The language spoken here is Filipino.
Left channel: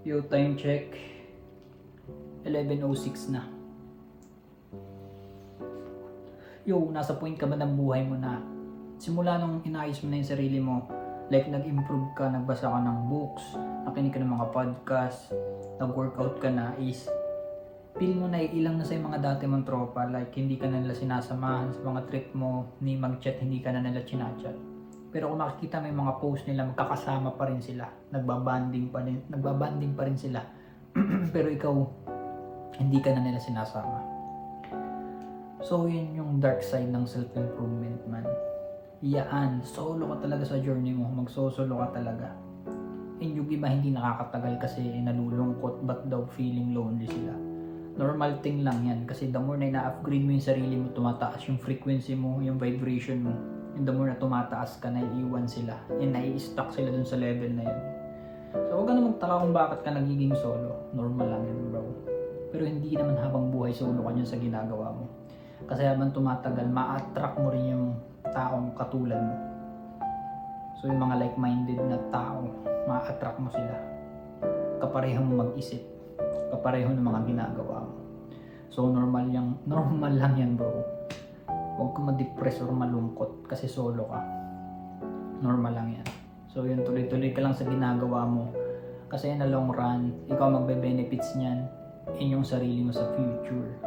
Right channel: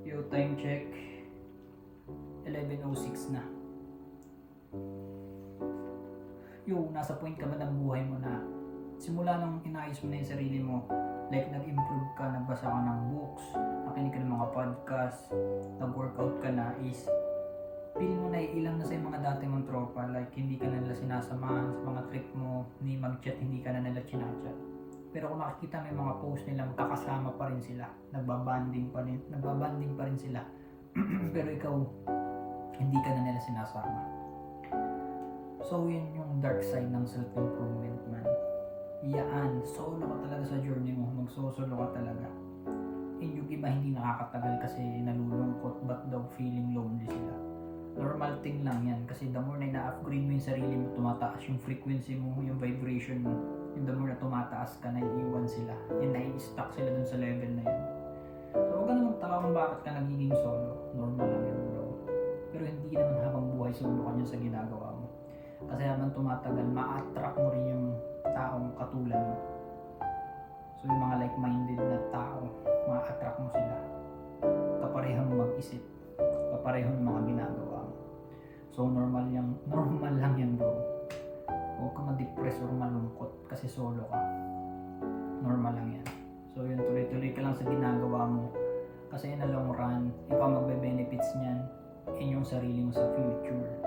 Yo, time check. 11:06 na. Yo, nasa point ka ba ng buhay mo na simula nung inayos mo na yung sarili mo, like nag-improve ka, nagbasa ka ng books, nakinig ka ng mga podcast, nag-workout ka na, is feel mo na ilang na sa yung mga dati mong tropa, like hindi ka na nila sinasamahan sa mga trip mo, ni mag-chat, hindi ka na nila chinachat. Pero kung makikita mo yung mga post nila, magkakasama pa rin sila, nagbabanding pa rin sila. Pero ikaw, hindi ka na nila sinasama. So yun yung dark side ng self-improvement, man. Iyaan, solo ka talaga sa journey mo, magsosolo ka talaga. And yung iba hindi nakakatagal kasi nalulungkot, but daw feeling lonely sila. Normal thing lang yan kasi the more na ina-upgrade mo yung sarili mo, tumataas yung frequency mo, yung vibration mo. And the more na tumataas ka, naiiwan sila. And nai-stuck sila dun sa level na yun. So huwag ka na magtaka kung bakit ka nagiging solo. Normal lang yun, bro. Pero hindi naman habang buhay solo ka dyan sa ginagawa mo. Kasi habang tumatagal, ma-attract mo rin yung taong katulad mo. So yung mga like-minded na tao, ma-attract mo sila. Kapareho mo mag-isip. Kapareho ng mga ginagawa mo. So normal lang yan, bro. Huwag ka ma-depress or malungkot kasi solo ka. Normal lang yan. So yun, tuloy-tuloy ka lang sa ginagawa mo. Kasi in a long run, ikaw magbe-benefits niyan in yung sarili mo sa future.